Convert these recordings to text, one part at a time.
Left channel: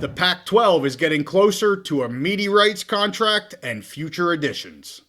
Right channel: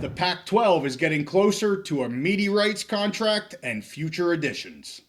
The Pac-12 is getting closer to a media rights contract and future editions.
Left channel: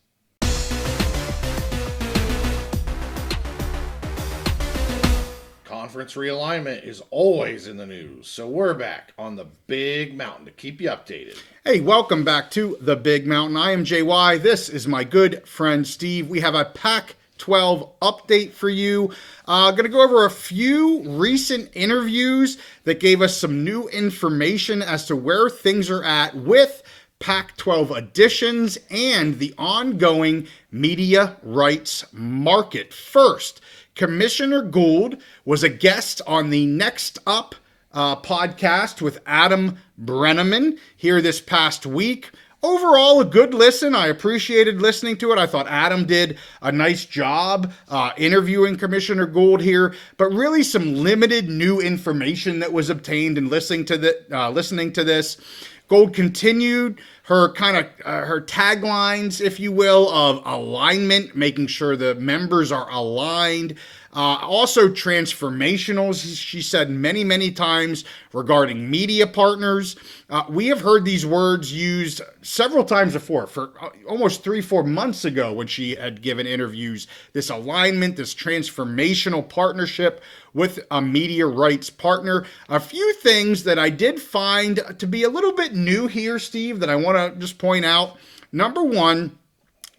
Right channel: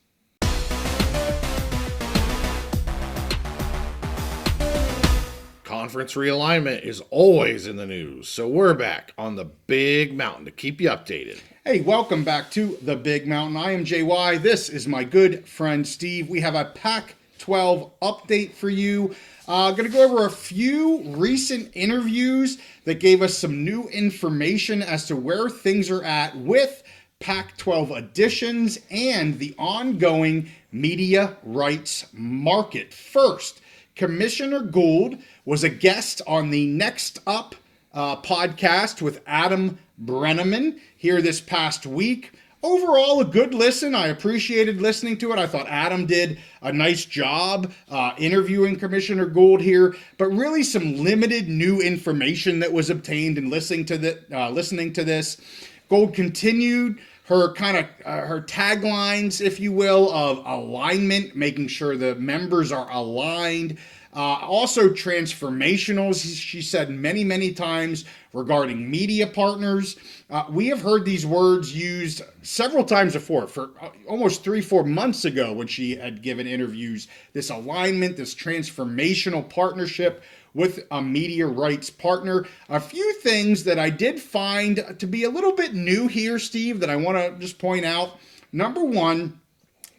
Conference realignment is always in the news, so we're back on the Big Mountain to keep you updated. Hey, welcome back to the Big Mountain. I am JY. This is my good friend Steve. We have a Pac-12 update for you. Going to go over a few recent interviews that gave us some new information as to where things are at with Pac-12 additions and the ongoing media rights market. First, Commissioner Gould was a guest on the Next Up podcast with Adam Breneman here this past week. Overall, a good listen. I appreciated listening to it. I thought Adam did a nice job interviewing Commissioner Gould here, but really some limited new information that was obtained in listening to this. Gould continued her her taglines, if you will, of alignment, making sure the members are aligned. Also transformational, she said many times regarding media partners. We have heard these words used several times before, for almost 3-4 months ago when she had given interviews. This alignment, this transformational partnership with a media rights partner. A few things that I did find to be a little bit new here, Steve, that I want to just point out. Number one,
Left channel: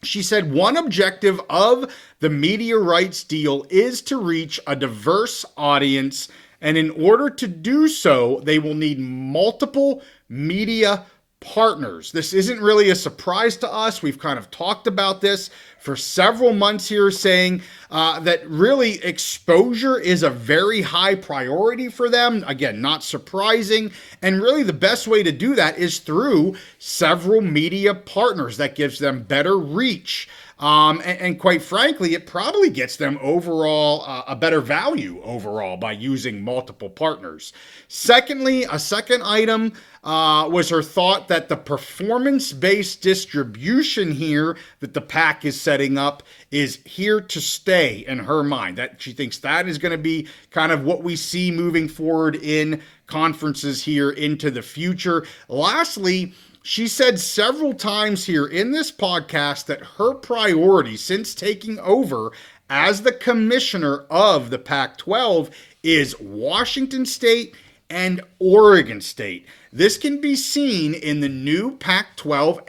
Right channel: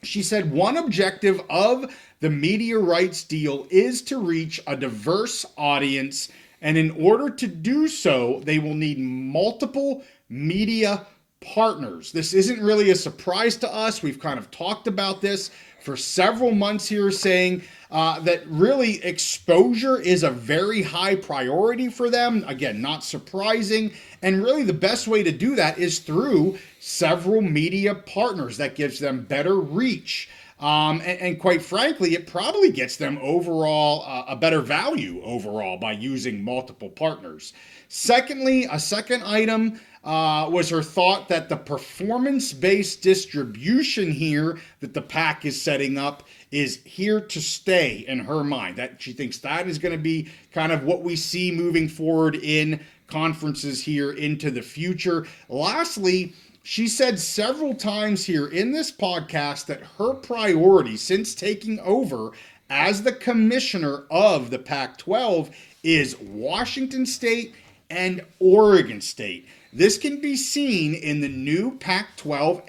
she said one objective of the media rights deal is to reach a diverse audience, and in order to do so, they will need multiple media partners. This isn't really a surprise to us. We've kind of talked about this for several months here, saying that really exposure is a very high priority for them. Again, not surprising. And really the best way to do that is through several media partners. That gives them better reach. And quite frankly, it probably gets them overall a better value overall by using multiple partners. Secondly, a second item was her thought that the performance-based distribution here that the PAC is setting up is here to stay in her mind. That she thinks that is going to be kind of what we see moving forward in conferences here into the future. Lastly, she said several times here in this podcast that her priority since taking over as the commissioner of the Pac-12 is Washington State and Oregon State. This can be seen in the new Pac-12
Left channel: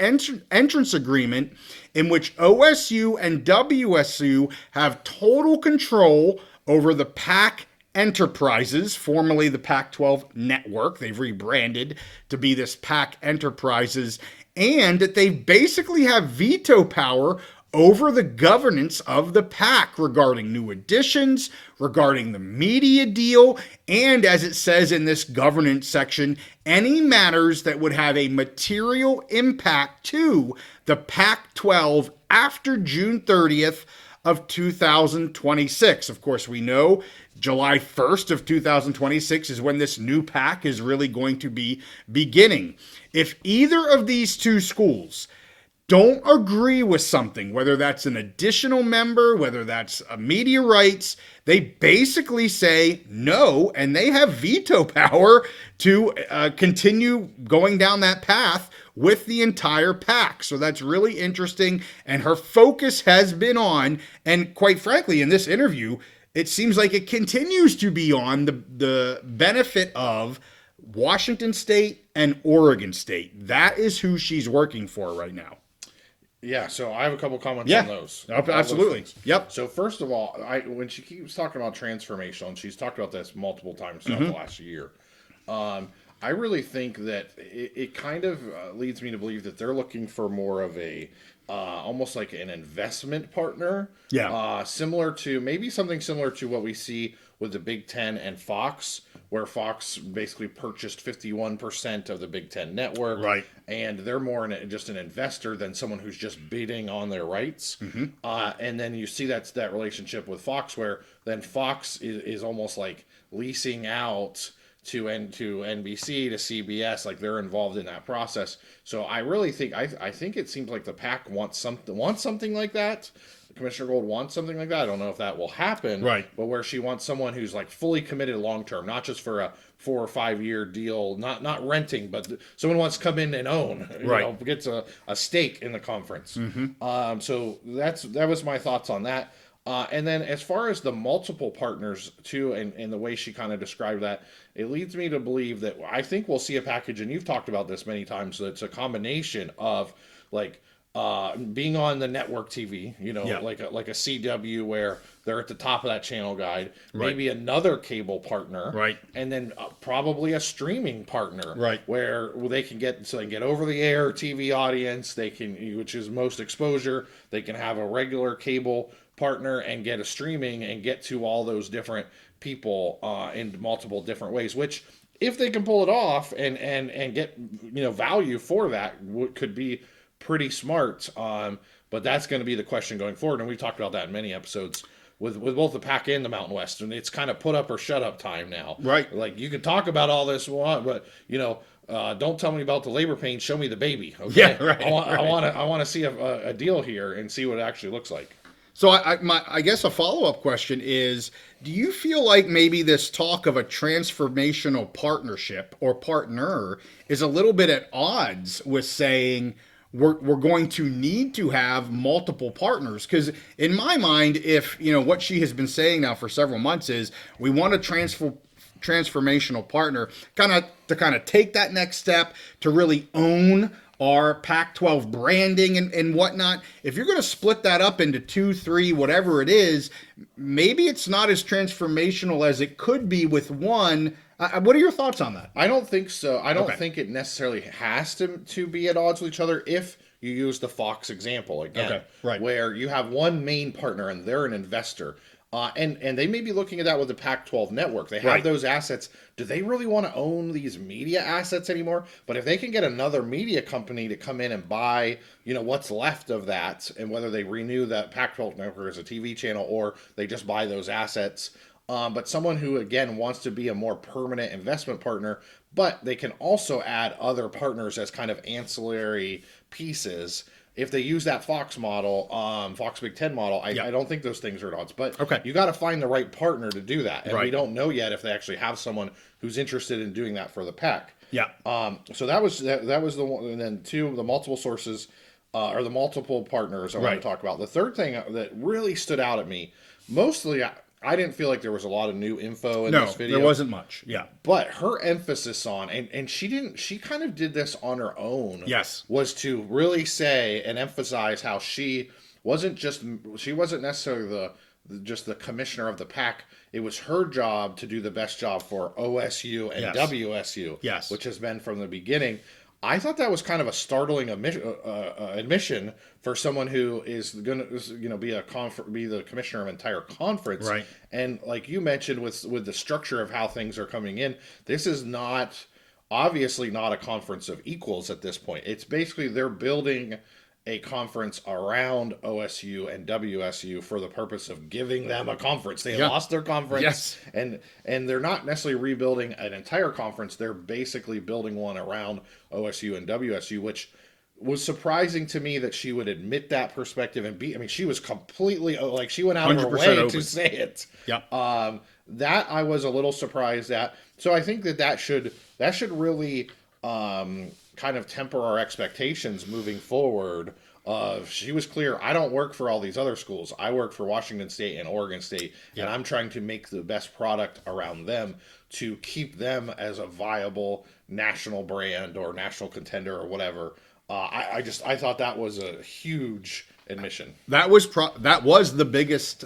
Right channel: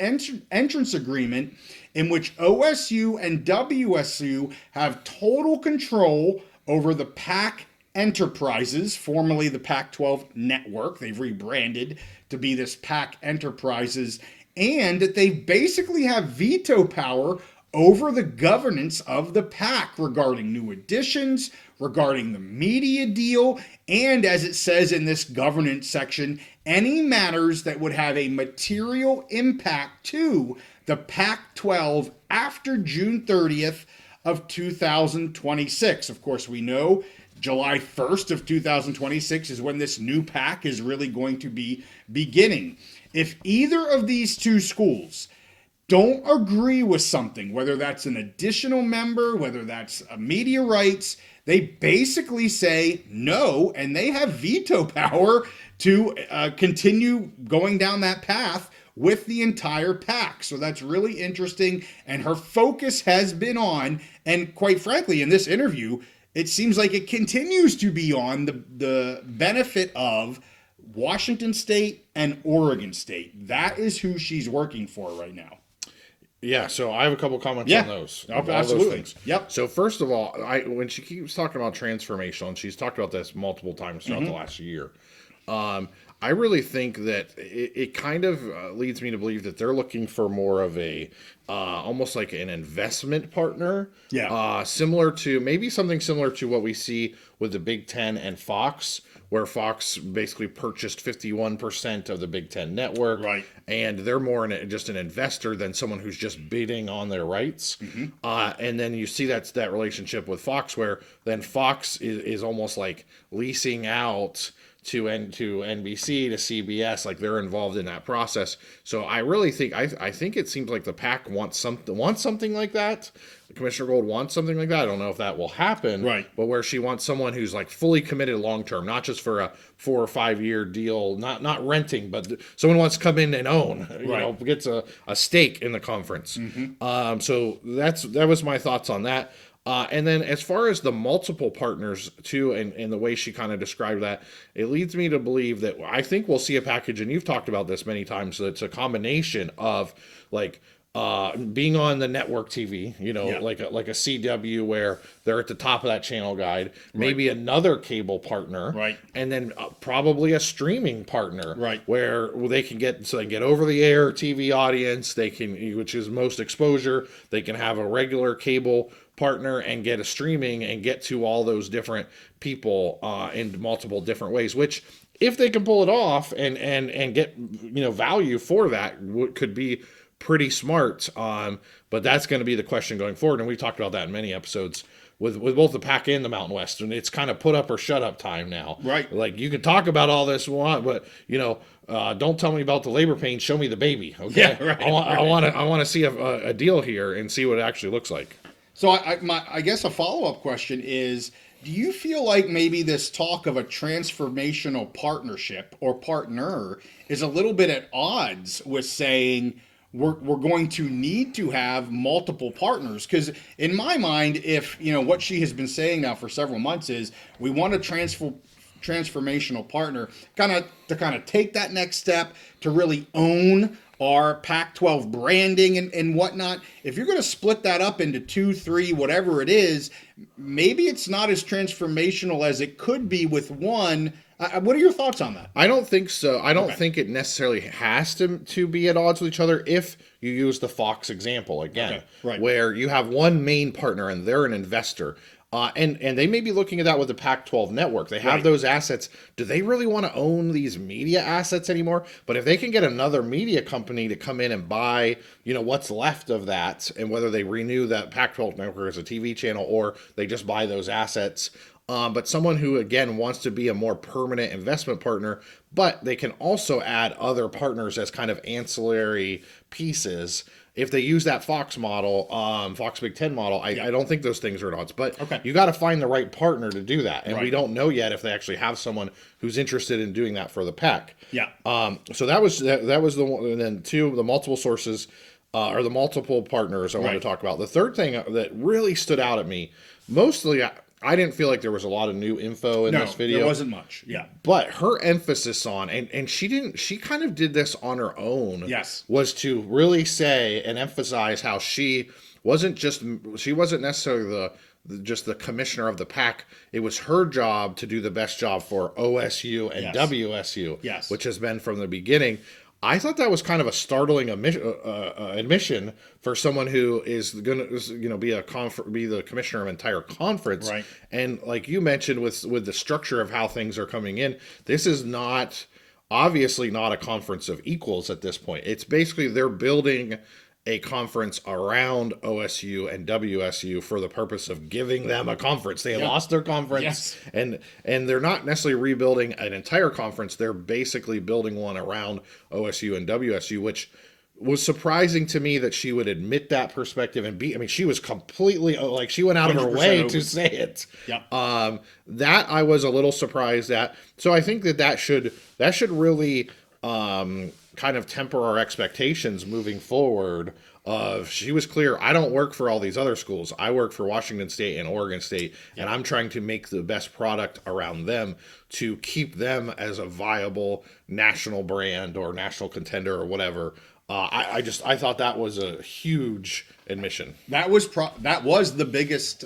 entrance agreement in which OSU and WSU have total control over the PAC Enterprises, formerly the Pac-12 Network. They've rebranded to be this PAC Enterprises, and that they basically have veto power over the governance of the PAC regarding new additions, regarding the media deal, and as it says in this governance section, any matters that would have a material impact to the Pac-12 after June 30th of 2026. Of course, we know July 1st of 2026 is when this new PAC is really going to be beginning. If either of these two schools don't agree with something, whether that's an additional member, whether that's a media rights, they basically say no, and they have veto power to continue going down that path with the entire PAC. So that's really interesting, and her focus has been on, and quite frankly, in this interview, it seems like it continues to be on the benefit of Washington State and Oregon State. That is who she's working for right now. Yeah, so I have a couple comments on those. Absolutely. Those yep. So first of all, when she keeps talking about transformational, and she's talked about this multiple times throughout the last year, I really think that it kind of leads me to believe that they're looking for more of a almost like an investment partner. Yeah. Maybe something similar to what we see with the Big Ten and Fox, where Fox basically purchased 51% of the Big Ten network. Right. And they're more just an investor than someone who's just bidding on their rights. And then you see that relationship with Fox, where then Fox is almost like leasing out to NBC to CBS. Like, they're involved in that process. So I really think I think it seems like the PAC wants something like that. Commissioner Gould wants something like that. I don't know if that will happen, right? But where she wants someone who's like fully committed long term, not just for a 4 or 5 year deal, not renting, but someone wants to come in and own, gets a stake in the conference. So that was my thoughts on that. And then as far as the multiple partners too, and the way she kind of described that, it leads me to believe that I think we'll see a package, and you've talked about this many times, so it's a combination of like being on the network TV, like a CW where they're at the top of that channel guide, maybe another cable partner, and then probably a streaming partner, where they can get over the air TV audience, which is most exposure, they can have a regular cable partner and get a streaming and get to all those different people in multiple different ways, which if they can pull it off and get value for that, could be pretty smart. But that's going to be the question going forward, and we talked about that in many episodes with both the PAC and the Mountain West, and it's kind of put up or shut up time now. Like, you can talk about all this but don't tell me about the labor pain, show me the baby. Okay, I want to see a deal here and see what it actually looks like. So I guess a follow-up question is, do you feel like maybe this talk of a transformational partnership or partner is a little bit at odds with saying we're going to need to have multiple partners? Because in my mind, if what she has been saying now for several months is we want a transformational partner to take that next step to really own our Pac-12 branding and whatnot. If you're going to split that up into 2, 3, whatever it is, maybe it's not as transformational as it could be with one. What are your thoughts on that? I don't think so. I don't think it necessarily has to be at odds with each other if you use the Fox example again, where you have one main partner and they're an investor. And they may be looking at that with the Pac-12 network. They have those assets. Do they really want to own these media assets anymore? But if they can get another media company to come in and buy, what's left of that, and whether they renew that Pac-12 network as a TV channel or they just buy those assets, but someone who, again, wants to be a more permanent investment partner, but they can also add other partners as kind of ancillary pieces. If they use that Fox model, Fox Big Ten model, I don't think those things are at odds. But you got to find the right partner to do that. And we don't know yet if they actually have someone who's interested in doing that for the PAC. So that was the one. And then two, the multiple sources or the multiple partners I want to talk about. The third thing that really stood out at me, mostly I didn't feel like there was a lot of new info in this video. There wasn't much. But her emphasis on, and she kind of did this on her own. Was to really say and emphasize how she wasn't necessarily just the commissioner of the PAC. It was her job to do the best job for OSU and WSU, which has been from the beginning. I thought that was kind of a startling admission for someone who is going to be the commissioner of an entire conference. And like you mentioned, with the structure of how things are coming in, this is obviously not a conference of equals at this point. It's basically they're building a conference around OSU and WSU for the purpose of giving them a conference. They lost their conference, and they're not necessarily rebuilding an entire conference. They're basically building one around OSU and WSU, which was surprising to me that she would admit that perspective and she was completely she went out of her way open to say it. That I was a little surprised at. So I think that should really kind of temper our expectations moving forward. She was clear, I don't work for all these other schools. I work for Washington State and Oregon State, and I'm trying to make the best product around them to keep them as a viable national brand or national contender or whatever. I thought that was a huge admission. That was the biggest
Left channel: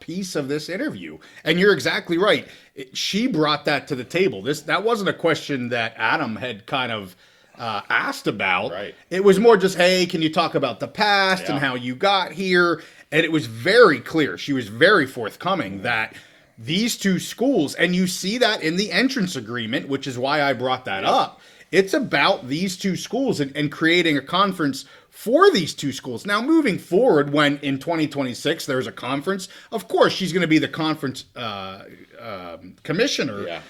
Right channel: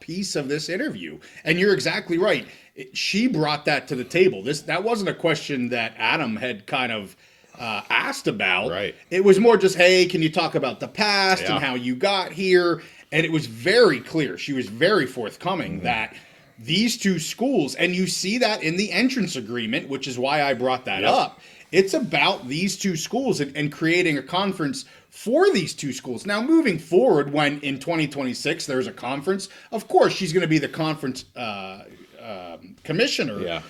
piece of this interview, and you're exactly right. She brought that to the table. That wasn't a question that Adam had kind of asked about. It was more just, hey, can you talk about the past and how you got here? And it was very clear. She was very forthcoming that these two schools, and you see that in the entrance agreement, which is why I brought that up. It's about these two schools and creating a conference for these two schools. Now, moving forward, when in 2026 there's a conference, of course she's going to be the conference commissioner.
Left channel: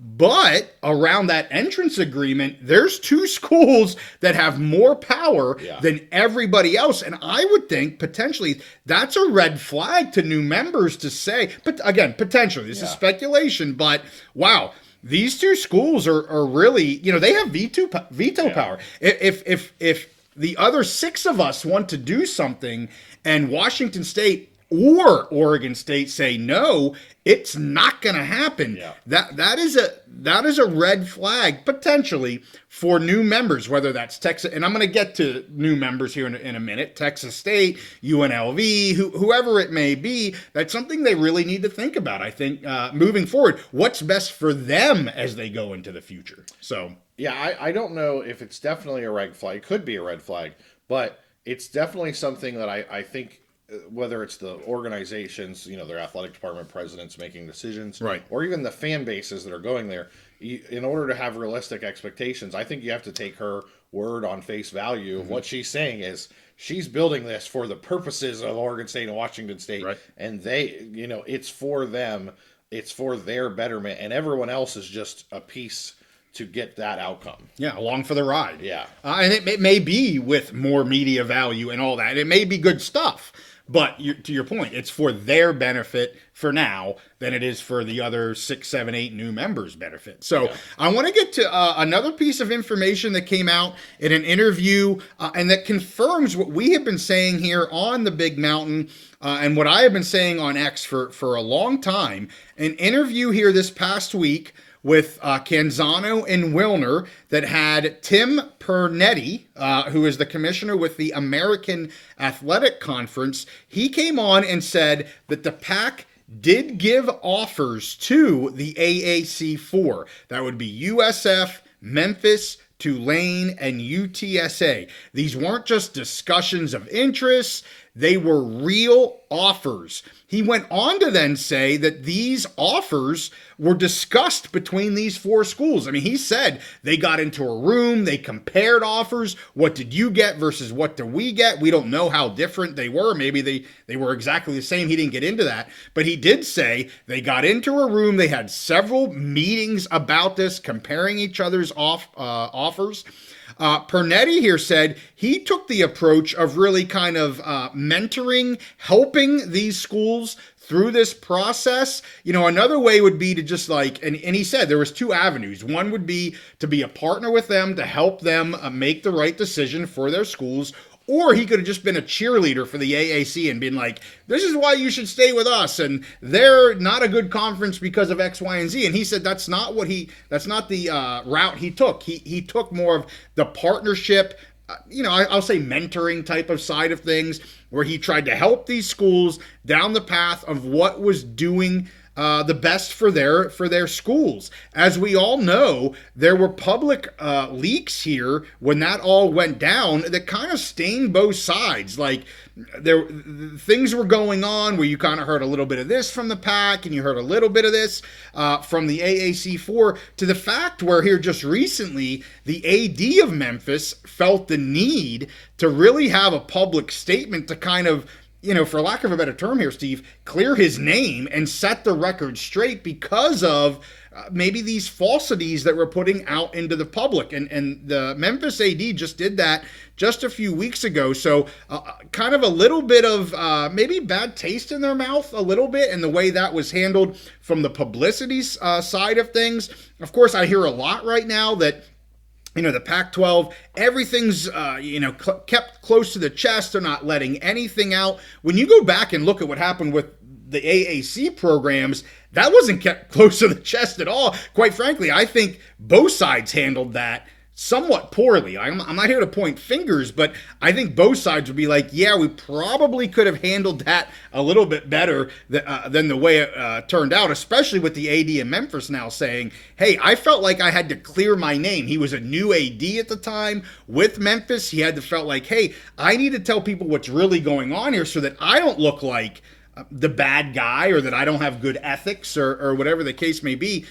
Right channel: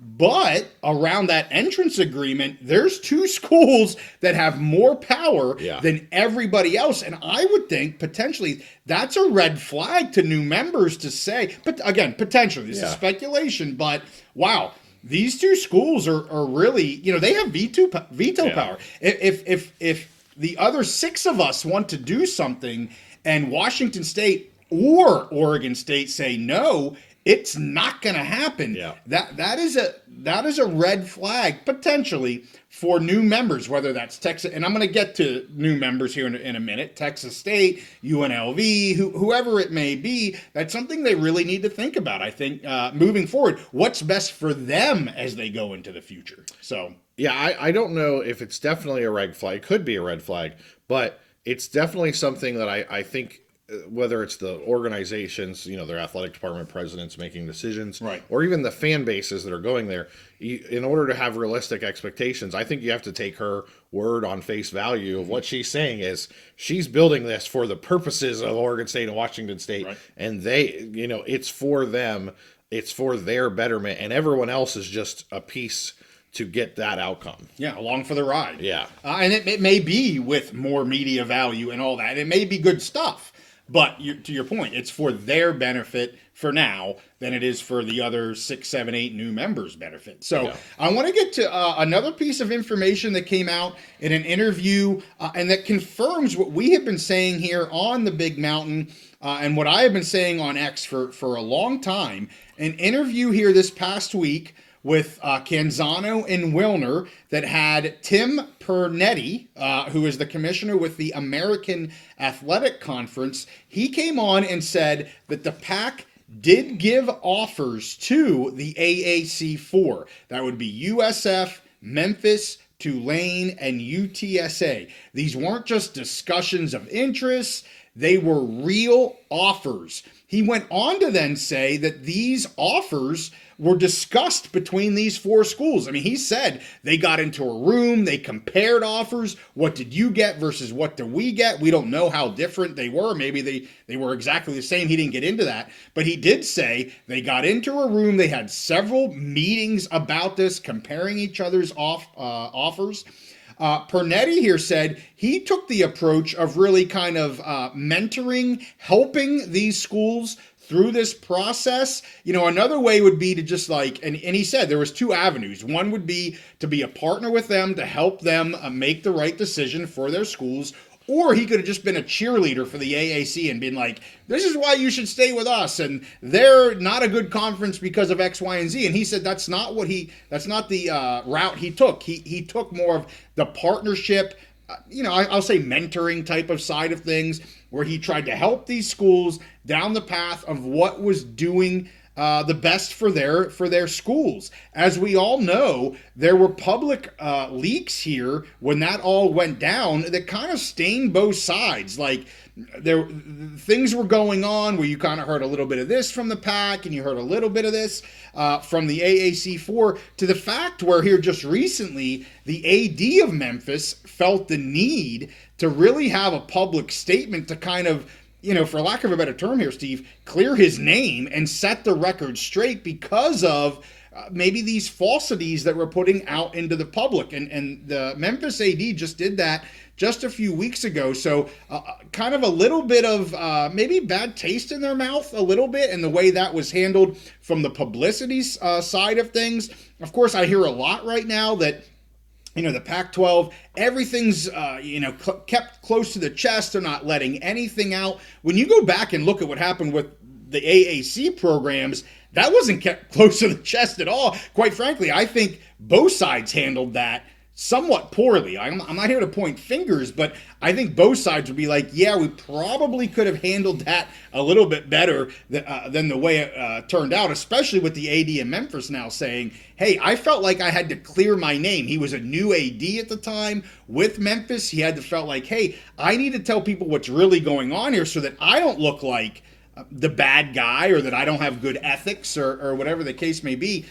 But around that entrance agreement, there's two schools that have more power than everybody else. And I would think potentially that's a red flag to new members to say, but again, potentially, this is speculation, but wow, these two schools are really, they have veto power. If the other 6 of us want to do something and Washington State or Oregon State say no, it's not going to happen. Yeah. That is a red flag potentially for new members, whether that's Texas, and I'm going to get to new members here in a minute, Texas State, UNLV, whoever it may be. That's something they really need to think about, I think, moving forward. What's best for them as they go into the future? So, yeah, I don't know if it's definitely a red flag. It could be a red flag, but it's definitely something that I think, whether it's the organizations, their athletic department presidents making decisions, right, or even the fan bases that are going there, in order to have realistic expectations, I think you have to take her word on face value of what she's saying is she's building this for the purposes of Oregon State and Washington State, right, and they, it's for them, it's for their betterment, and everyone else is just a piece to get that outcome. Yeah, along for the ride. Yeah. And it may be with more media value and all that. It may be good stuff. But to your point, it's for their benefit for now than it is for the other 6, 7, 8 new members' benefit. So I want to get to another piece of information that came out in an interview and that confirms what we have been saying here on the Big Mountain and what I have been saying on X for a long time. An interview here this past week with Canzano and Wilner that had Tim Pernetti, who is the commissioner with the American Athletic Conference. He came on and said that the PAC did give offers to the AAC4. That would be USF, Memphis, Tulane, and UTSA. These weren't just discussions of interests. They were real offers. He went on to then say that these offers were discussed between these 4 schools. I mean, he said they got into a room, they compared offers. What did you get versus what do we get? We don't know how different they were. Maybe they were exactly the same. He didn't get into that. But he did say they got into a room, they had several meetings about this, comparing each other's offers. Pernetti here said he took the approach of really kind of mentoring, helping these schools through this process. Another way would be to just and he said there was 2 avenues. One would be to be a partner with them to help them make the right decision for their schools. Or he could have just been a cheerleader for the AAC and been like, this is why you should stay with us. And they're not a good conference because of X, Y, and Z. And he said that's not the route he took. He took more of the partnership, I'll say mentoring type of side of things, where he tried to help these schools down the path of what was doing the best for their schools. As we all know, there were public leaks here when that all went down that kind of stained both sides. Things were going on where you kind of heard a little bit of this from the PAC and you heard a little bit of this from the AAC4, to the fact where here just recently the AD of Memphis felt the need to really have a public statement to kind of, for lack of a better term here, Steve, clear his name and set the record straight because of maybe these falsities that we're putting out into the public. And the Memphis AD just did that just a few weeks ago. So kind of a little bit of maybe bad taste in their mouth a little bit, and the way that was handled from the publicity side of things. Of course, I hear a lot right now that the Pac-12, everything's, kept close to the chest. They're not letting anything out. When you go back and look at what happened with the AAC programs, that wasn't kept close to the chest at all. Quite frankly, I think both sides handled that somewhat poorly. I'm not here to point fingers, but I think both sides would be like, yeah, we probably could have handled that a little bit better than the way it turned out, especially with the AD in Memphis now saying, hey, I felt like I had to clear my name. He was a new AD at the time with Memphis. He had to felt like, hey, I need to tell people what's really going on here so that I don't look like the bad guy or that I don't have good ethics or whatever the case may be.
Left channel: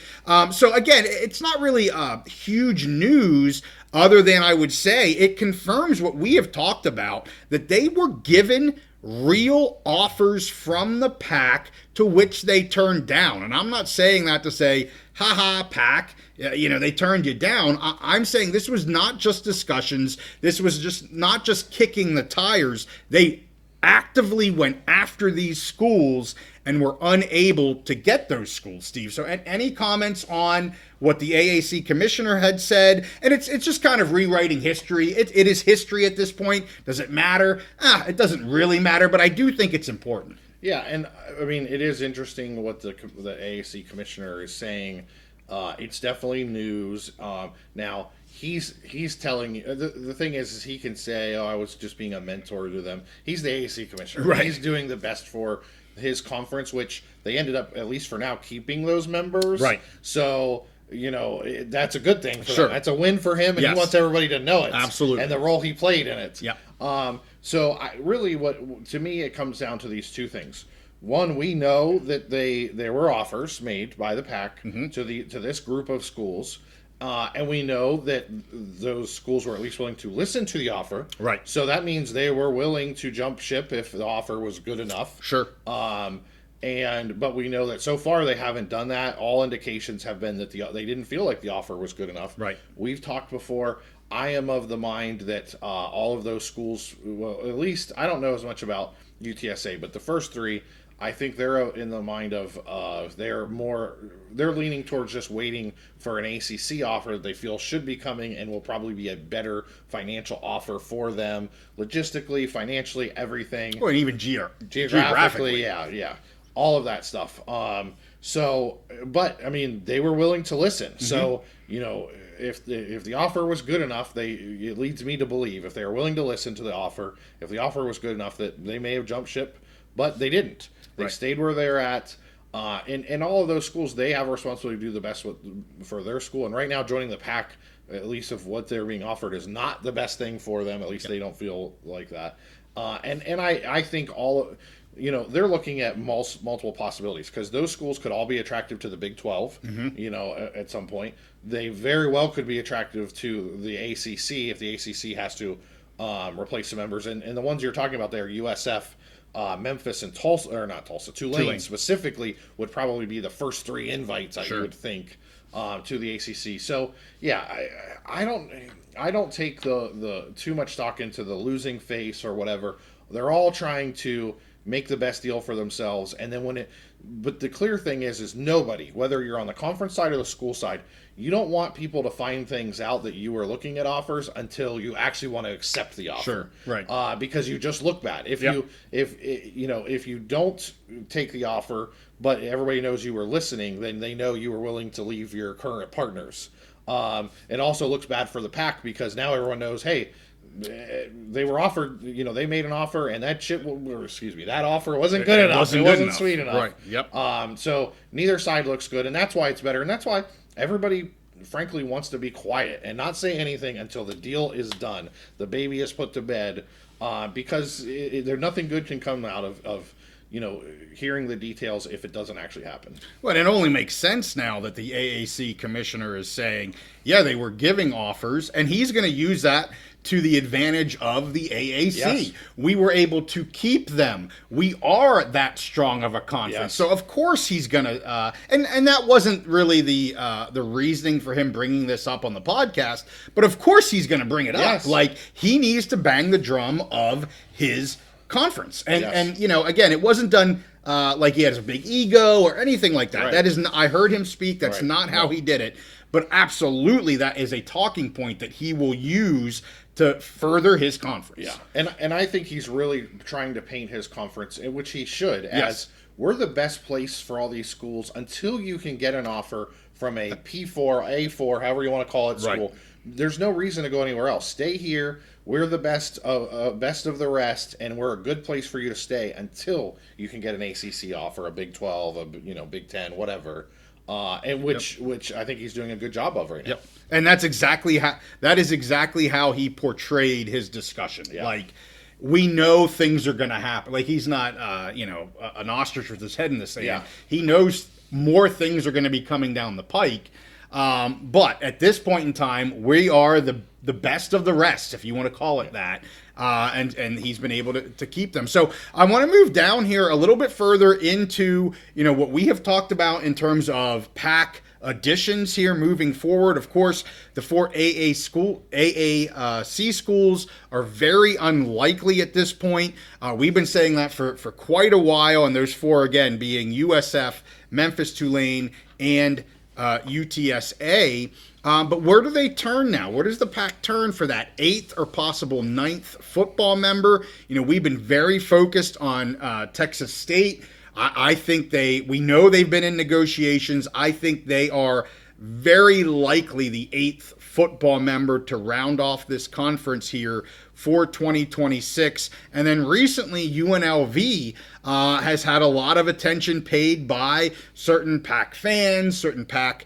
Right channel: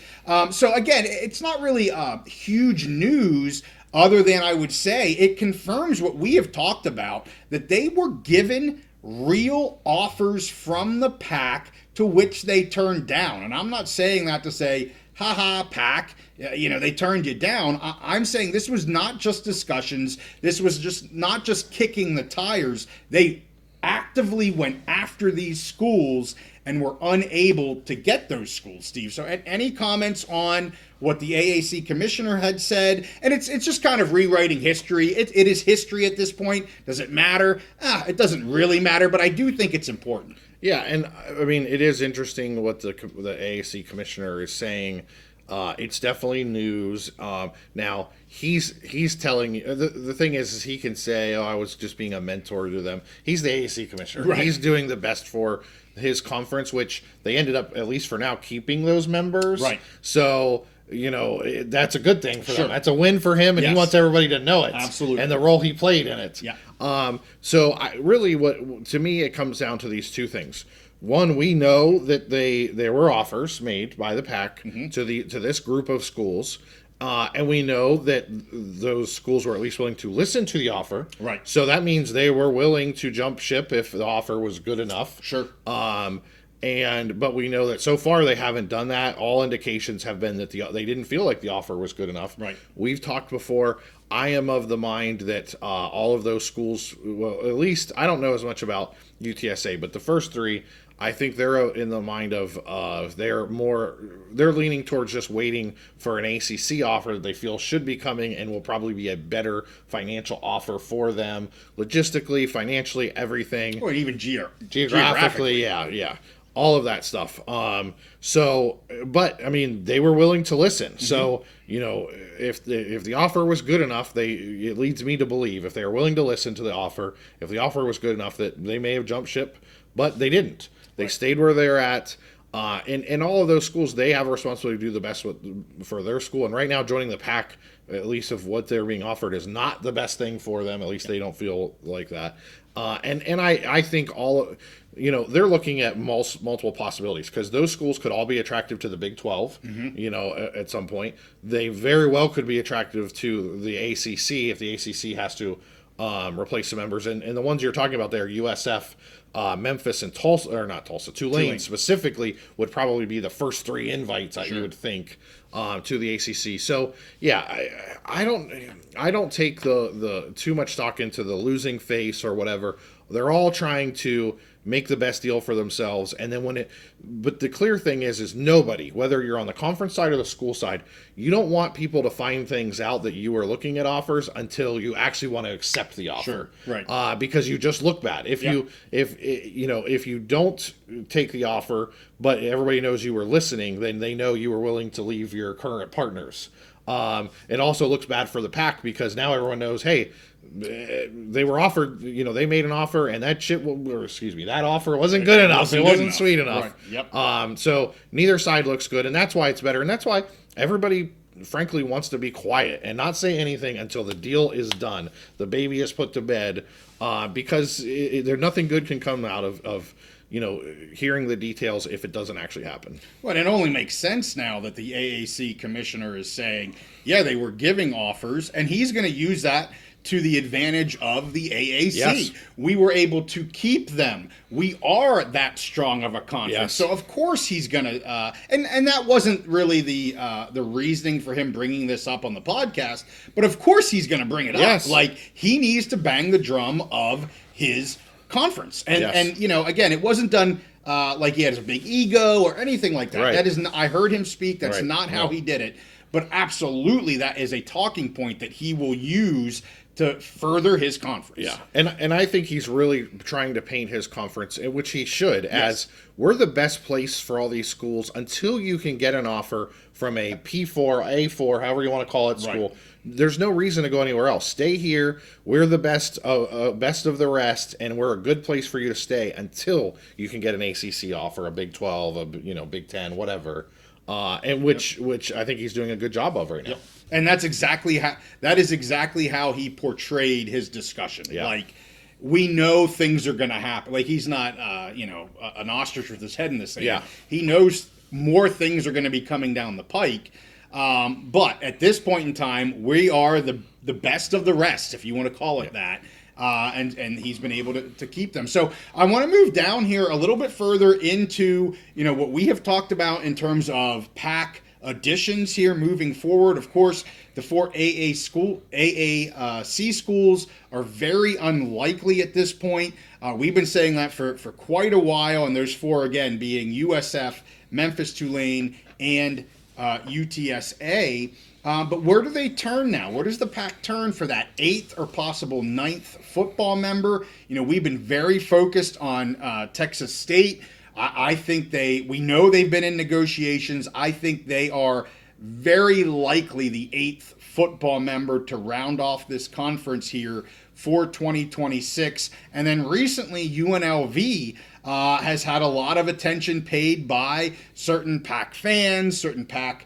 So again, it's not really huge news other than I would say it confirms what we have talked about, that they were given real offers from the PAC to which they turned down. And I'm not saying that to say haha, PAC, they turned you down. I'm saying this was not just discussions. This was just not just kicking the tires. They actively went after these schools and were unable to get those schools, Steve. So any comments on what the AAC commissioner had said? And it's just kind of rewriting history. It is history at this point. Does it matter? It doesn't really matter, but I do think it's important. Yeah, and I mean, it is interesting what the AAC commissioner is saying. It's definitely news. Now, he's telling you, the thing is he can say, I was just being a mentor to them. He's the AAC commissioner. Right. He's doing the best for his conference, which they ended up, at least for now, keeping those members. Right. So, that's a good thing for Sure. them. That's a win for him, and Yes. he wants everybody to know it. Absolutely. And the role he played in it. Yeah. So what to me, it comes down to these two things. One, we know that there were offers made by the PAC to this group of schools, and we know that those schools were at least willing to listen to the offer. Right. So that means they were willing to jump ship if the offer was good enough. Sure. But we know that so far they haven't done that. All indications have been that they didn't feel like the offer was good enough. Right. We've talked before. I am of the mind that all of those schools, well, at least I don't know as much about UTSA, but the first three, I think they're in the mind of they're leaning towards just waiting for an ACC offer that they feel should be coming and will probably be a better financial offer for them, logistically, financially, everything. Or even Geographically, yeah. All of that stuff. But I mean, they were willing to listen. Mm-hmm. So, if the offer was good enough, it leads me to believe if they were willing to listen to the offer, if the offer was good enough, that they may have jumped ship, but they didn't. They stayed where they're at. In all of those schools, they have a responsibility to do the best for their school. And right now, joining the PAC, at least of what they're being offered, is not the best thing for them. At least they don't feel like that. And I think they're looking at multiple possibilities, because those schools could all be attractive to the Big 12, at some point. They very well could be attractive to the ACC if the ACC has to replace some members. And the ones you're talking about there, USF, Memphis, and Tulane specifically would probably be the first three invites, you would think, to the ACC. So yeah, I don't take the too much stock into the losing face or whatever. They're all trying to make the best deal for themselves, and then but the clear thing is nobody, whether you're on the conference side or the school side, you don't want people to find things out that you are looking at offers until you actually want to accept the offer. Sure. Right. Because you just look bad if you don't take the offer, but everybody knows you were listening, then they know you were willing to leave your current partners. It also looks bad for the PAC, because now everyone knows, hey, they were offered, they made an offer, and that offer wasn't good enough. It wasn't sweet enough. Right. Yep. So neither side looks good, and that's why it's better. And that's why everybody, frankly, wants to be quiet and not say anything until the deal is done, the baby is put to bed, because nothing good can come out of hearing the details if it doesn't actually happen. Well, it only makes sense now that the AAC commissioner is saying, yeah, they were giving offers, and he's going to use that to the advantage of the AAC. Yes. We were able to keep them. We are that strong of a conference. Yes. So of course he's gonna, and that wasn't really the reasoning for him bringing this up on the podcast. But of course he's gonna bring it Yes. up. Like, he needs to bang the drum of his conference. And Yes. and again, it wasn't done like he had a big ego or anything like that. Right. That is, I heard him speak. That's Right. not how he did it. But absolutely, that is a talking point that he will use to further his conference. Yeah, and I think he's really trying to paint his conference, in which he should, as we're the best place for all these schools until you can get an offer from a P4, A4, however you want to call it, school. Right. There's no reason to go anywhere else. Stay here. We're the best of the rest, and we're a good place for you to stay until you can get an ACC offer, a Big 12, a Big 10, whatever. And which I think he's doing a good job of right now. Yep. And that is exactly how he portrayed his discussion. Yeah. Like, we know things are going to happen. Like, he's not, an ostrich with his head in the sand. Yeah. He knows more things are going to be coming down the pike. But at this point in time, we are the best of the rest, if you want to call it that. And he's been able to keep them. So I want to move down here a little bit further into, what we have talked about in terms of PAC additions here moving forward. Of course, the four AAC schools are very unlikely at this point. We've been saying that for quite a while, and those four, again, being USF, Memphis, Tulane, and UTSA. But where do they turn now? Where does the PAC turn for that 8th or possible 9th football member? We've been very focused on Texas State. I think we know they've been in negotiations. I think they are very likely the 8th football member to round off this conference here for 2026. And then recently, UNLV has had a lot of attention paid by certain PAC fans, certain PAC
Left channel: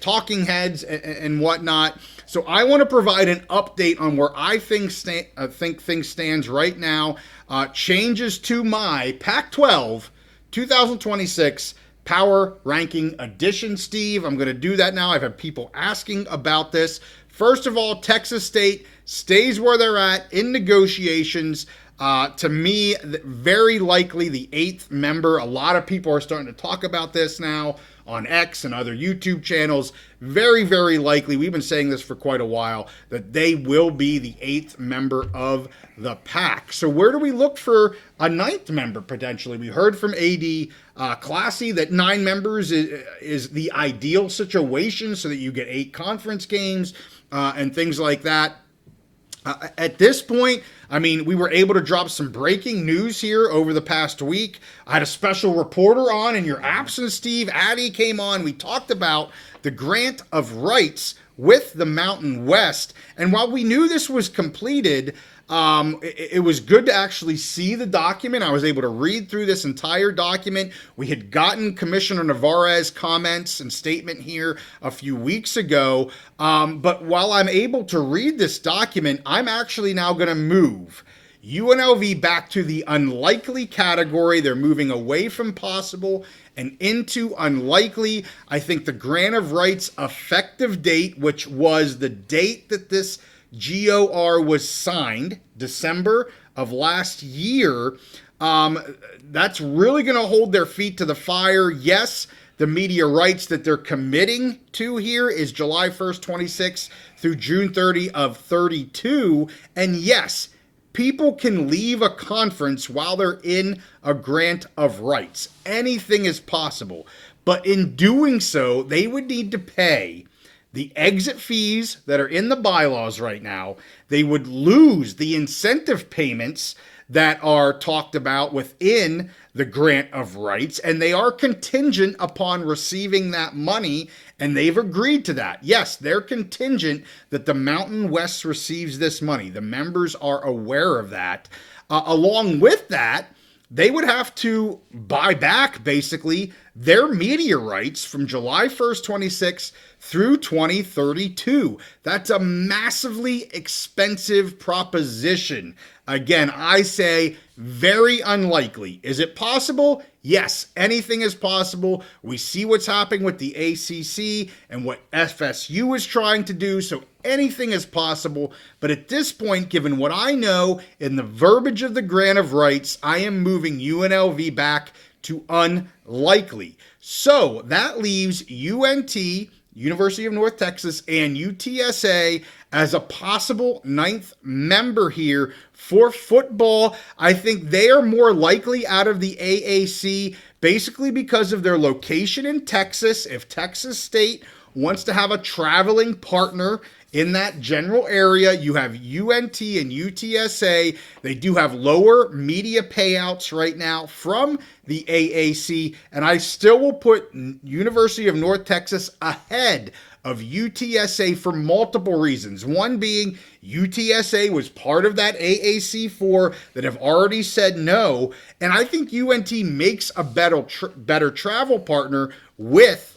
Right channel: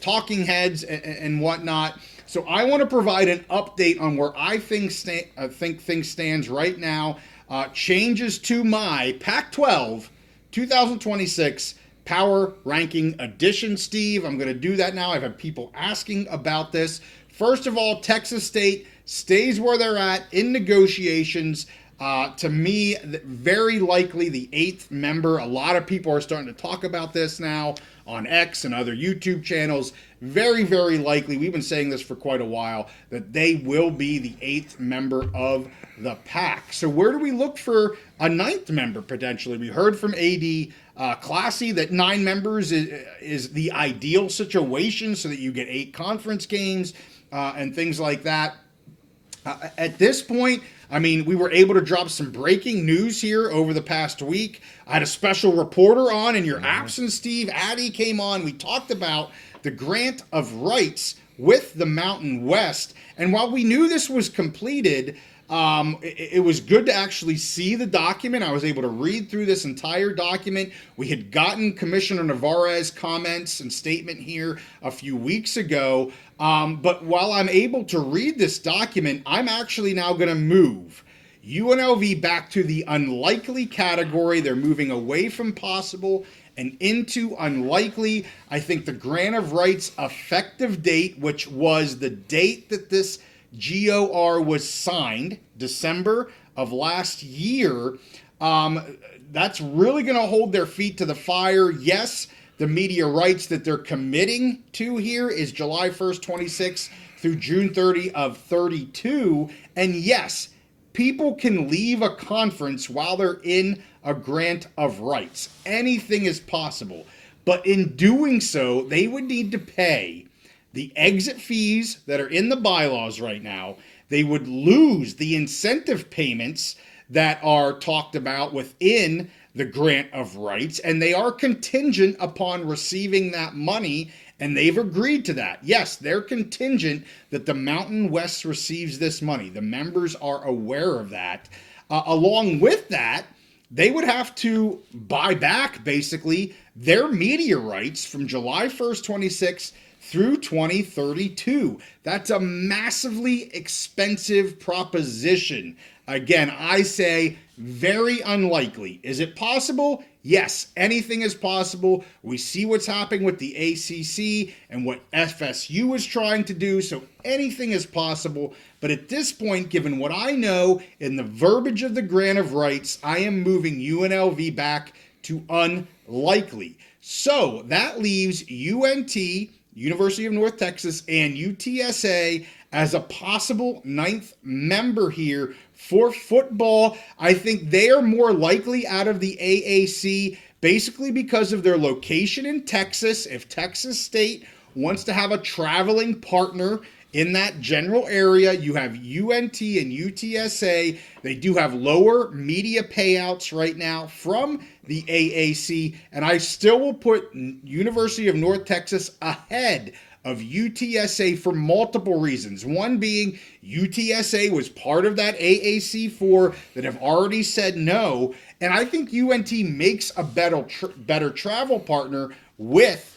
talking heads and whatnot. So I want to provide an update on where I think things stands right now. Changes to my PAC-12 2026 Power Ranking Edition, Steve. I'm going to do that now. I've had people asking about this. First of all, Texas State stays where they're at in negotiations. To me, very likely the 8th member. A lot of people are starting to talk about this now on X and other YouTube channels. Very, very likely, we've been saying this for quite a while, that they will be the 8th member of the PAC. So where do we look for a 9th member potentially? We heard from AD Classy that 9 members is the ideal situation so that you get 8 conference games and things like that. At this point, I mean, we were able to drop some breaking news here over the past week. I had a special reporter on in your absence, Steve. Addie came on. We talked about the grant of rights with the Mountain West. And while we knew this was completed, it was good to actually see the document. I was able to read through this entire document. We had gotten Commissioner Navarre's comments and statement here a few weeks ago. But while I'm able to read this document, I'm actually now going to move UNLV back to the unlikely category. They're moving away from possible and into unlikely. I think the grant of rights effective date, which was the date that this GOR was signed, December of last year, that's really going to hold their feet to the fire. Yes, the media rights that they're committing to here is July 1st, 26 through June 30 of 32. And yes, people can leave a conference while they're in a grant of rights. Anything is possible. But in doing so, they would need to pay the exit fees that are in the bylaws right now. They would lose the incentive payments that are talked about within the grant of rights, and they are contingent upon receiving that money, and they've agreed to that. Yes, they're contingent that the Mountain West receives this money. The members are aware of that. Along with that, they would have to buy back, basically, their media rights from July 1st, 26 through 2032. That's a massively expensive proposition. Again, I say very unlikely. Is it possible? Yes, anything is possible. We see what's happening with the ACC and what FSU is trying to do, so anything is possible. But at this point, given what I know in the verbiage of the grant of rights, I am moving UNLV back to unlikely. So that leaves UNT, University of North Texas, and UTSA as a possible 9th member here for football. I think they are more likely out of the AAC basically because of their location in Texas. If Texas State wants to have a traveling partner in that general area, you have UNT and UTSA. They do have lower media payouts right now from the AAC, and I still will put University of North Texas ahead of UTSA for multiple reasons. One being UTSA was part of that AAC4 that have already said no, and I think UNT makes a better travel partner with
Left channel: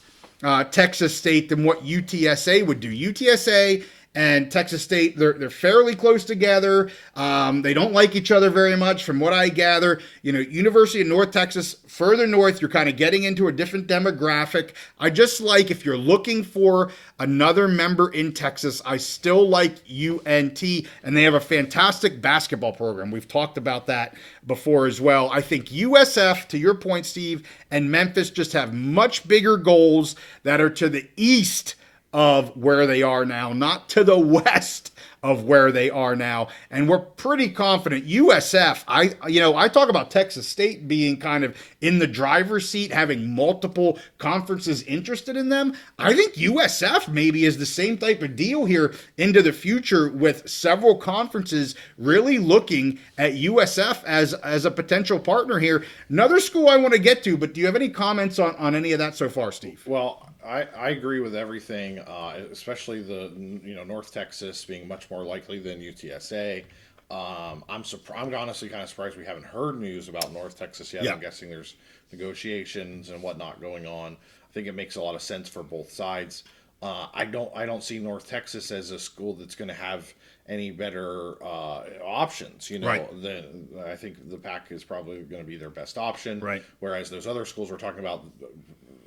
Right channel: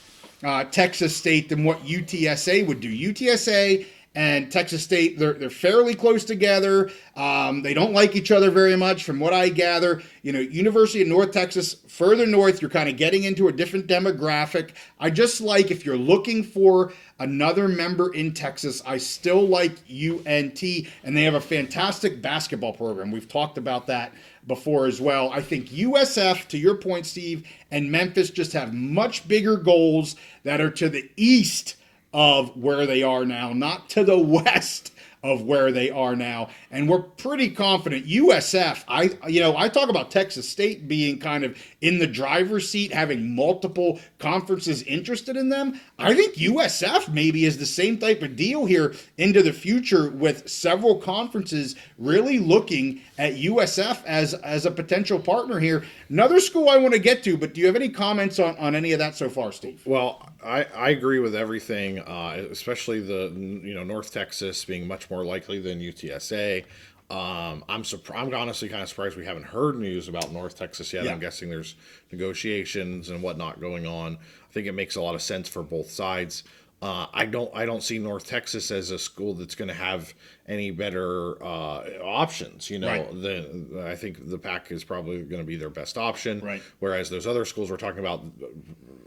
Texas State than what UTSA would do. UTSA and Texas State, they're fairly close together. They don't like each other very much from what I gather. University of North Texas, further north, you're kind of getting into a different demographic. I just like, if you're looking for another member in Texas, I still like UNT, and they have a fantastic basketball program. We've talked about that before as well. I think USF, to your point, Steve, and Memphis just have much bigger goals that are to the east of where they are now, not to the west of where they are now. And we're pretty confident USF, I talk about Texas State being kind of in the driver's seat, having multiple conferences interested in them. I think USF maybe is the same type of deal here into the future, with several conferences really looking at USF as a potential partner here. Another school I want to get to, but do you have any comments on any of that so far, Steve? Well, I agree with everything, especially the North Texas being much more likely than UTSA. I'm honestly kind of surprised we haven't heard news about North Texas yet. Yeah. I'm guessing there's negotiations and whatnot going on. I think it makes a lot of sense for both sides. I don't see North Texas as a school that's going to have any better options. Right. I think the PAC is probably going to be their best option. Right. Whereas those other schools we're talking about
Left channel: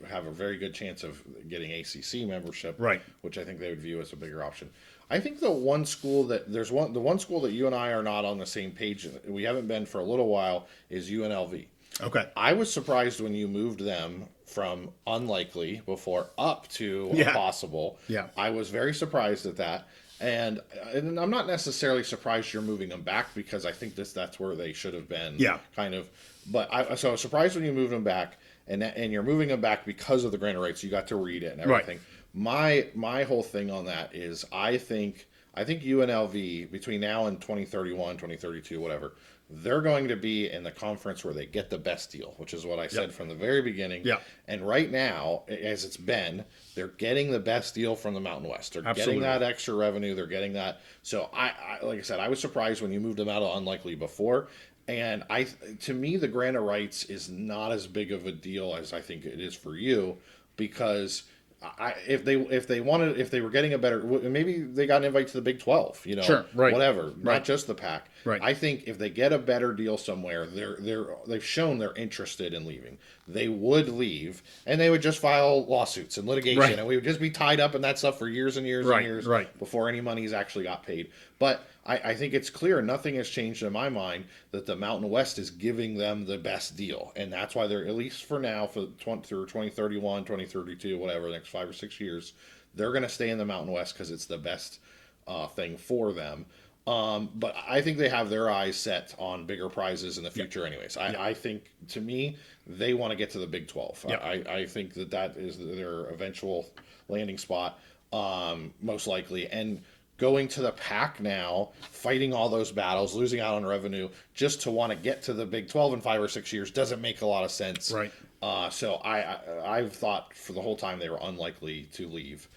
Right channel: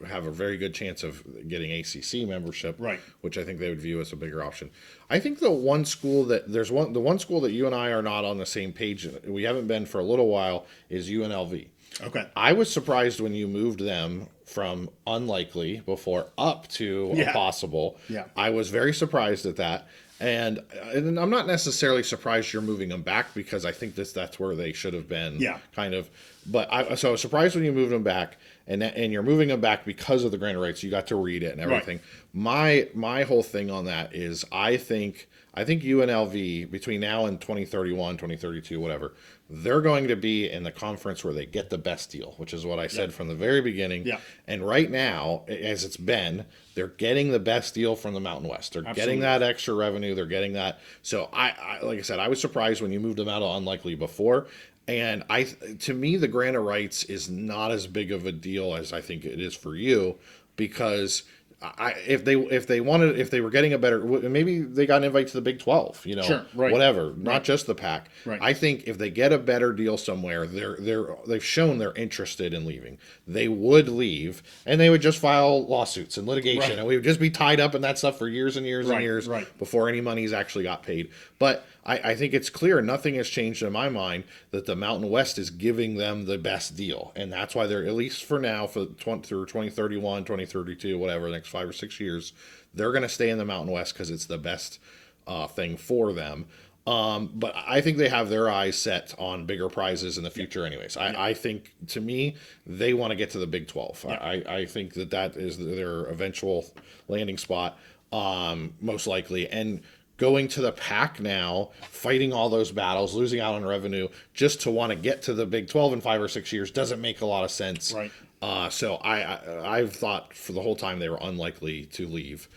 have a very good chance of getting ACC membership. Right. Which I think they would view as a bigger option. I think the one school that you and I are not on the same page, we haven't been for a little while, is UNLV. Okay. I was surprised when you moved them from unlikely before up to possible. Yeah. I was very surprised at that. And I'm not necessarily surprised you're moving them back, because I think that's where they should have been. Yeah. Kind of. But I was surprised when you moved them back, and you're moving them back because of the grant of rights. You got to read it and everything. Right. My whole thing on that is I think UNLV between now and 2031, 2032, whatever, they're going to be in the conference where they get the best deal, which is what I said from the very beginning. Yeah. And right now, as it's been, they're getting the best deal from the Mountain West. They're getting that extra revenue. They're getting that. So I like I said, I was surprised when you moved them out of unlikely before. And to me, the grant of rights is not as big of a deal as I think it is for you, because if they were getting a better, maybe they got an invite to the Big 12, Sure, right. whatever, not just the PAC. Right. I think if they get a better deal somewhere, they've shown they're interested in leaving. They would leave, and they would just file lawsuits and litigation, Right. and we would just be tied up in that stuff for years and years and Right, years right. before any money's actually got paid. But I think it's clear, nothing has changed in my mind, that the Mountain West is giving them the best deal. And that's why they're, at least for now, through 2031, 2032, whatever, the next 5 or 6 years, they're going to stay in the Mountain West because it's the best thing for them. But I think they have their eyes set on bigger prizes in the future anyways. I think, to me, they want to get to the Big 12. Yeah. I think that is their eventual landing spot, most likely. And going to the PAC now, fighting all those battles, losing out on revenue, just to want to get to the Big 12 in 5 or 6 years doesn't make a lot of sense. Right. So I've thought for the whole time they were unlikely to leave.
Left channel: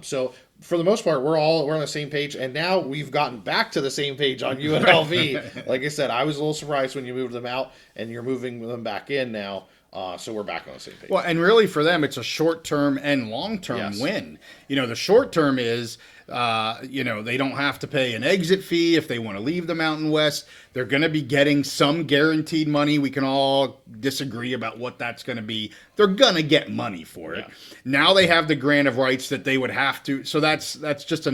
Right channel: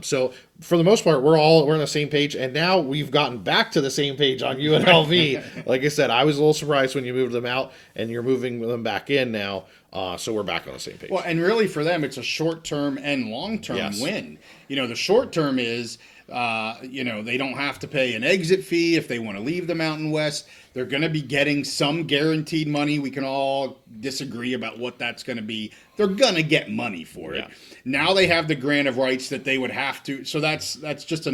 So for the most part, we're on the same page, and now we've gotten back to the same page on UNLV. Like I said, I was a little surprised when you moved them out, and you're moving them back in now. So we're back on the same page. Well, and really for them, it's a short-term and long-term win. The short term is, they don't have to pay an exit fee if they want to leave the Mountain West. They're going to be getting some guaranteed money. We can all disagree about what that's going to be. They're going to get money for it. Now they have the grant of rights that they would have to. So that's just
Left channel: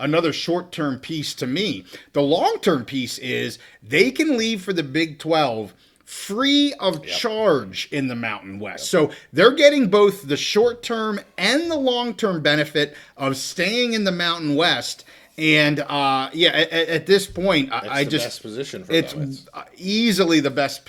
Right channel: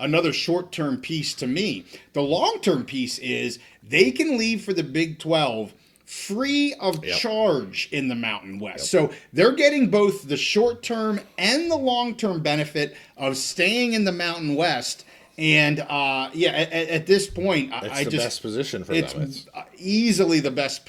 another short-term piece to me. The long-term piece is they can leave for the Big 12 free of charge in the Mountain West. So they're getting both the short-term and the long-term benefit of staying in the Mountain West. And at this point, it's the best position for them. It's easily the best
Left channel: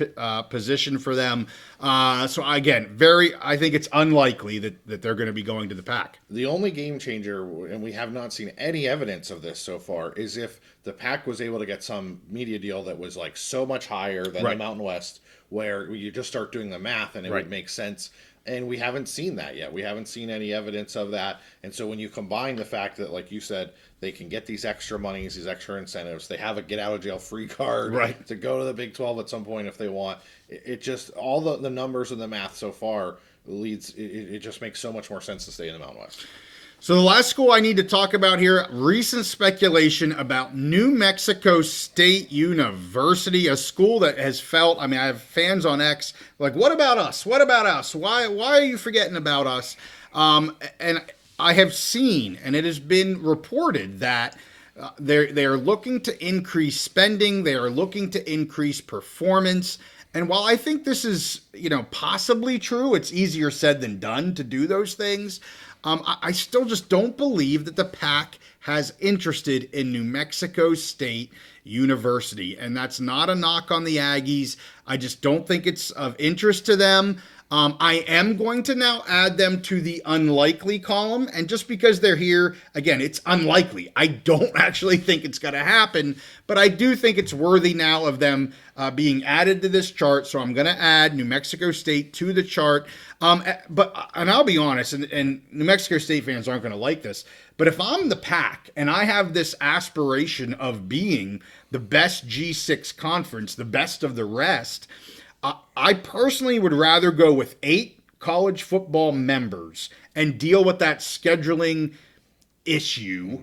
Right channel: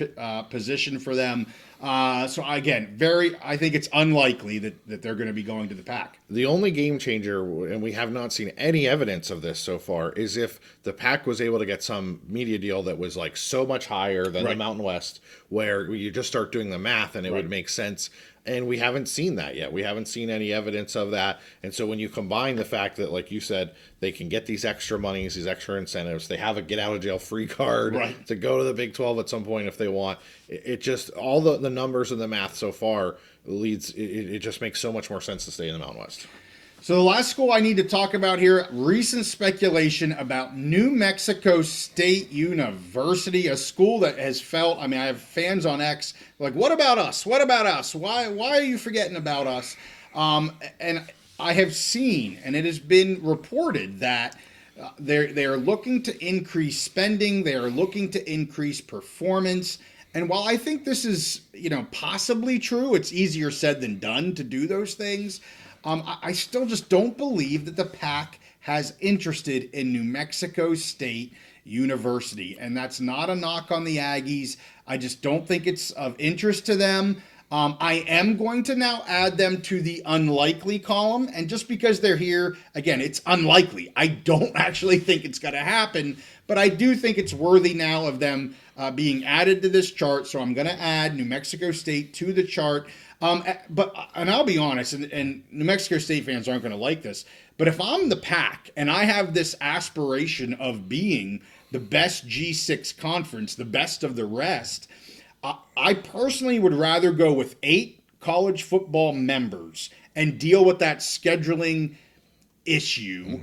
position for them. So again, I think it's unlikely that they're going to be going to the PAC. The only game changer, and we have not seen any evidence of this so far, is if the PAC was able to get some media deal that was like so much higher than the Mountain West, where you just start doing the math and it would make sense. And we haven't seen that yet. We haven't seen any evidence of that. And so when you combine the fact that, like you said, they can get these extra monies, these extra incentives, they have a get out of jail free card to go to the Big 12 at some point if they want. It just, all the numbers and the math so far it just makes so much more sense to stay in the Mountain West. So the last school I need to talk about here, recent speculation about New Mexico State University, a school that has felt, I mean, I have fans on X, like, what about us? What about us? Why are you forgetting about us? And I have seen, and it has been reported that they are looking to increase spending. They are looking to increase performance. And while I think this is, possibly true, it's easier said than done to do those things. I still just don't believe that the PAC has interested in New Mexico State University. And that's not a knock on the Aggies. I just don't think it's of interest to them. I am going to now add them to the unlikely column. And just because they're here, again, it's unlikely. I don't actually think it's going to happen, but I do think it's worthy now of them being added to this chart. So I'm going to add New Mexico State to the chart. And I'll be honest, and New Mexico State fans aren't going to like this, but if I'm the PAC and I have this aspiration of being the best G6 conference, the best of the rest, I personally would rather go with 8 college football members and deal with that scheduling issue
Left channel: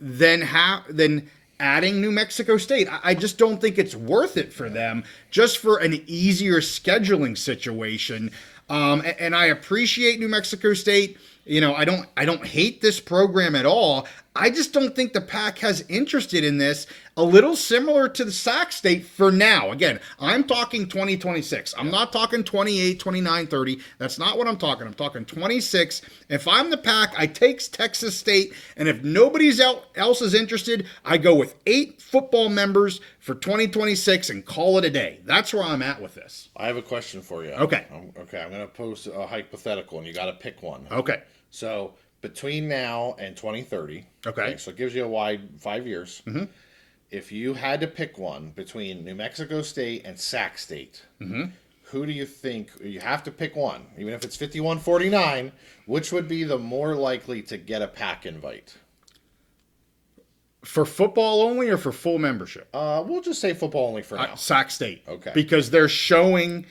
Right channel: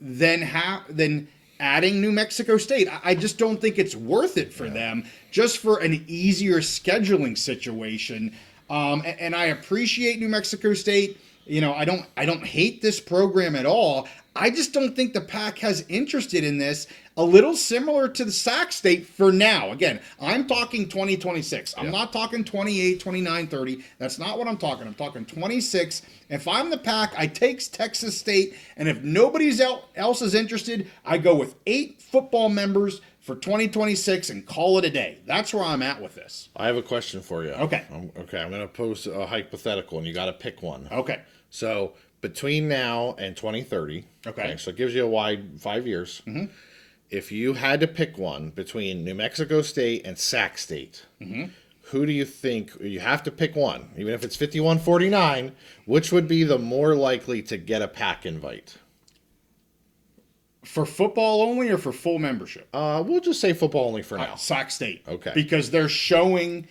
than adding New Mexico State. I just don't think it's worth it for them, just for an easier scheduling situation. And I appreciate New Mexico State. I don't hate this program at all. I just don't think the PAC has interested in this. A little similar to the Sac State for now. Again, I'm talking 2026. I'm not talking 28, 29, 30. That's not what I'm talking. I'm talking 26. If I'm the PAC, I take Texas State, and if nobody else is interested, I go with 8 football members for 2026 and call it a day. That's where I'm at with this. I have a question for you. Okay. I'm going to pose a hypothetical, and you got to pick one. Okay. So between now and 2030, okay, so it gives you a wide 5 years. Mm-hmm. If you had to pick one between New Mexico State and Sac State, who do you think, you have to pick one, even if it's 51-49, which would be the more likely to get a PAC invite? For football only or for full membership? We'll just say football only for now. Sac State. Okay. Because they're talking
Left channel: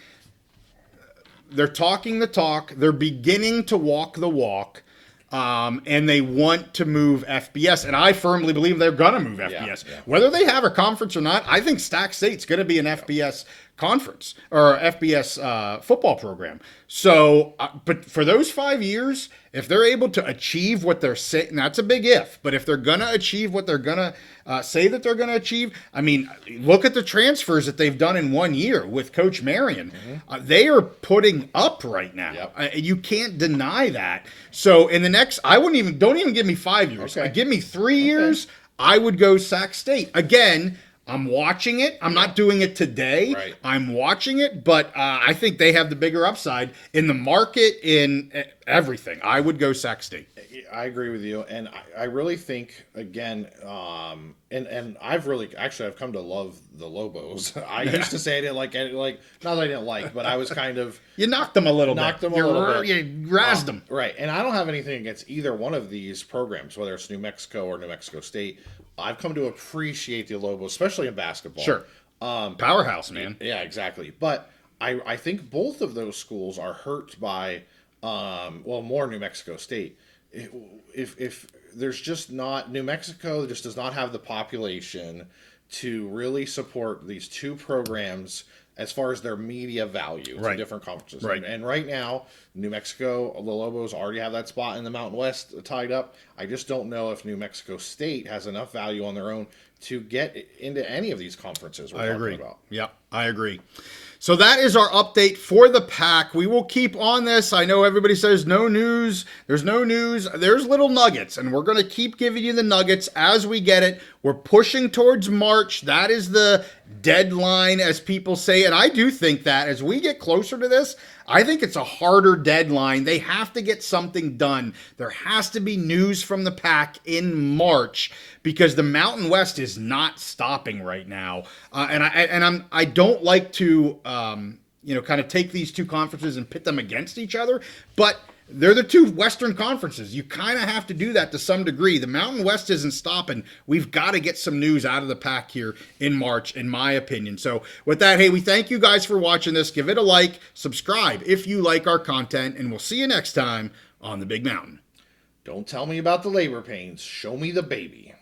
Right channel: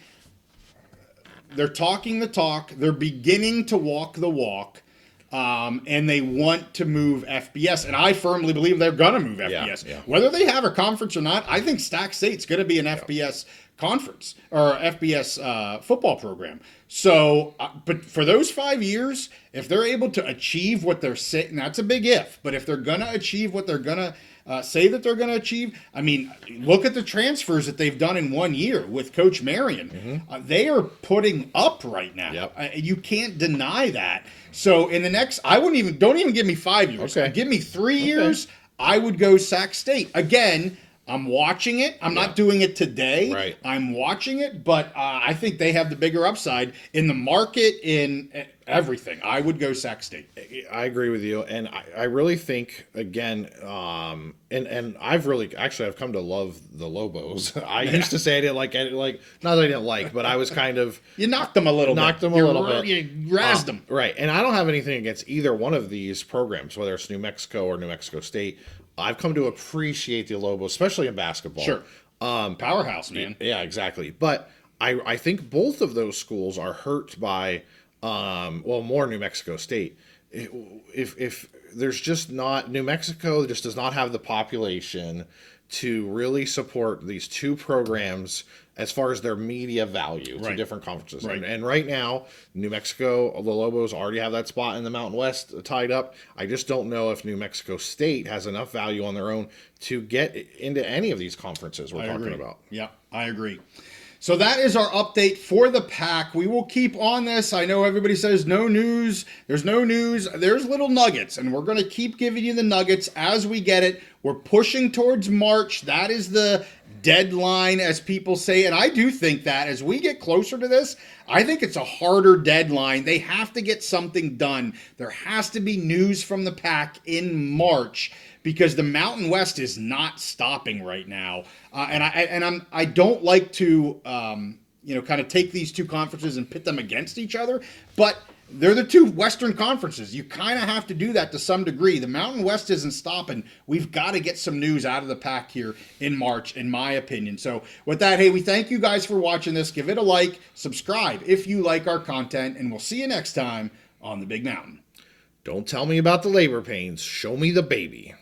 the talk, they're beginning to walk the walk. And they want to move FBS, and I firmly believe they're going to move FBS. Yeah. Whether they have a conference or not, I think Sac State's going to be an FBS conference or FBS football program. So, but for those 5 years, if they're able to achieve what they're saying, that's a big if, but if they're going to achieve what they're going to say that they're going to achieve, I mean, look at the transfers that they've done in 1 year with Coach Marion. They are putting up right now. Yep. You can't deny that. So in the next, don't even give me 5 years. Okay. Give me 3 years. I would go Sac State. Again, I'm watching it. I'm not doing it today. Right. I'm watching it, but I think they have the bigger upside in the market, in everything. I would go Sac State. I agree with you, and I really think, again, and I've come to love the Lobos. I used to say I didn't like not that I didn't like, but I was kind of you knocked them a little bit. You razzed them, right? And I don't have anything against either one of these programs, whether it's New Mexico or New Mexico State. I've come to appreciate the Lobos, especially in basketball. Sure, powerhouse, man. Yeah, exactly. But I think both of those schools are hurt by, more New Mexico State. If there's just not, New Mexico just does not have the population to really support these two programs as far as their media value to different conferences. Right. And right now, New Mexico, the Lobos already have that spot in the Mountain West tied up. I just don't know if New Mexico State has enough value on their own to get into any of these conferences we're talking about. Yep, I agree. So that is our update for the PAC. We will keep on this. I know everybody says no news. There's no news. There's little nuggets, and we're going to keep giving you the nuggets as we get it. We're pushing towards March. That is the deadline, as people say. And I do think that as we get closer to this, I think it's a harder deadline. They have to get something done. There has to be news from the PAC in March, because the Mountain West is not stopping right now. I don't like to kind of take these two conferences and pit them against each other, but they're the two Western conferences. You kind of have to do that to some degree. The Mountain West isn't stopping. We've got to get some news out of the PAC here in March, in my opinion. So with that, hey, we thank you guys for watching this. Give it a like, subscribe if you like our content, and we'll see you next time on The Big Mountain. Don't tell me about the labor pains. Show me the baby.